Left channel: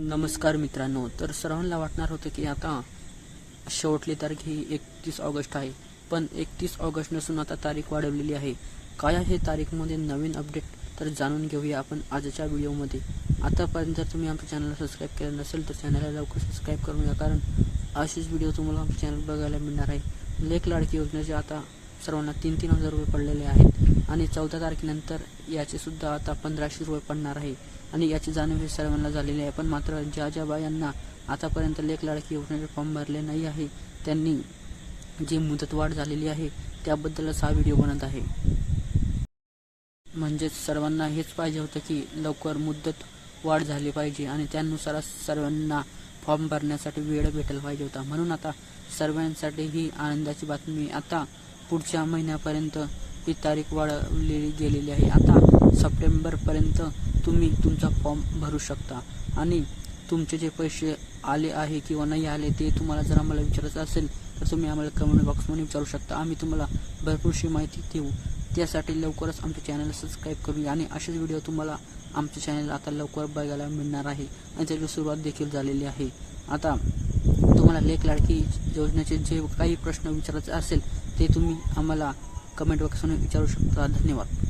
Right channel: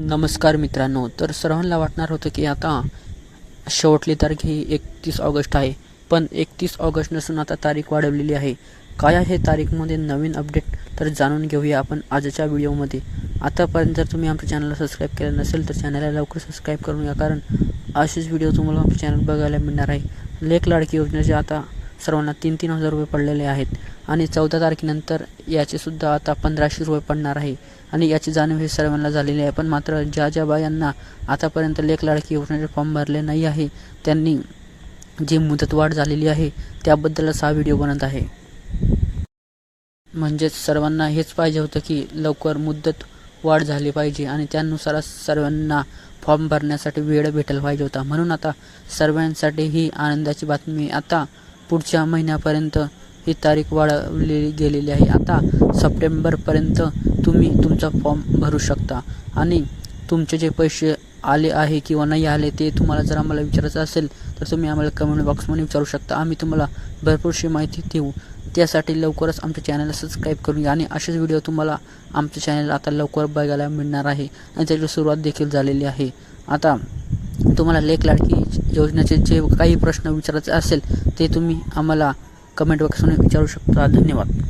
नमस्कार मित्रांनो तर सर्वांना वाटणार होतं की आता शेवटली तारीख ही एकतीस ऑगस्ट आहे पण एकतीस ऑगस्ट नसून आता तारीख वाढवलेली आहे. काय आहे तारीखमध्ये नवीन अपडेट? तर जाणून घेऊया आपण आजच्या व्हिडिओमध्ये. आतापर्यंत जर तुम्ही आमच्या चॅनलला सबस्क्राईब केलं नसेल तर चॅनलला लवकर सबस्क्राईब करून घ्या कारण असेच व्हिडिओ तुम्हाला आमच्या चॅनल बघायला मिळणार आहे. लेख लाडकी योजनेचे आता सर्वांना तीन तीन हजार रुपये पडलेले आहेत. आणि चौदा तारखेनंतर याचेसुद्धा आता पंधराशे रुपये पडणार आहे. आणि याची जाणीव हे सर्वांना झालेली आहे. पण मात्र ज्या ज्या बायांना आतापर्यंत लेख लाडकी योजनेचे फॉर्म भरले नाही आहे त्यांनी जी मुदतवाढ झालेली आहे त्याबद्दलच हा व्हिडिओ बनत आहे. म्हणजेच सर्वांना हेच पाहिजे होतं की लवकर मुदत वाढ झाली पाहिजे आणि त्यानुसारच सर्वांना फॉर्म भरण्यासाठी वेळ भेटायला पाहिजे होता. म्हणून आता सर्वांसाठी ही आनंदाची बातमी आता पुढच्या महिन्यापर्यंत ही तारीख वाढवली गेलेली आहे. आता सप्टेंबरपर्यंत तुम्ही तुमचा फॉर्म भरू शकता. आणि तुमचे जे पैसे आले आहे किंवा नाही आले ते तुम्हाला जर आम्हाला विचारायचं असेल तर तुम्ही आम्हाला कमेंट बॉक्समध्ये विचारू शकता. आम्ही तुम्हाला भरपूरशी माहिती देऊ. त्यासाठी लवकरच आमच्या चॅनलला सबस्क्राईब करून घ्या. आणि असेच व्हिडिओ तुम्हाला आमच्या चॅनल आता लवकर बघायला मिळणार आहे. आणि त्याची सुरुवात देखील झालेली आहे. आता तुम्हाला लेख लाडकी योजनेचे जे काही प्रश्न विचारायचे असेल ते तुम्ही आम्हाला कमेंट बॉक्समध्ये विचारू शकता. धन्यवाद.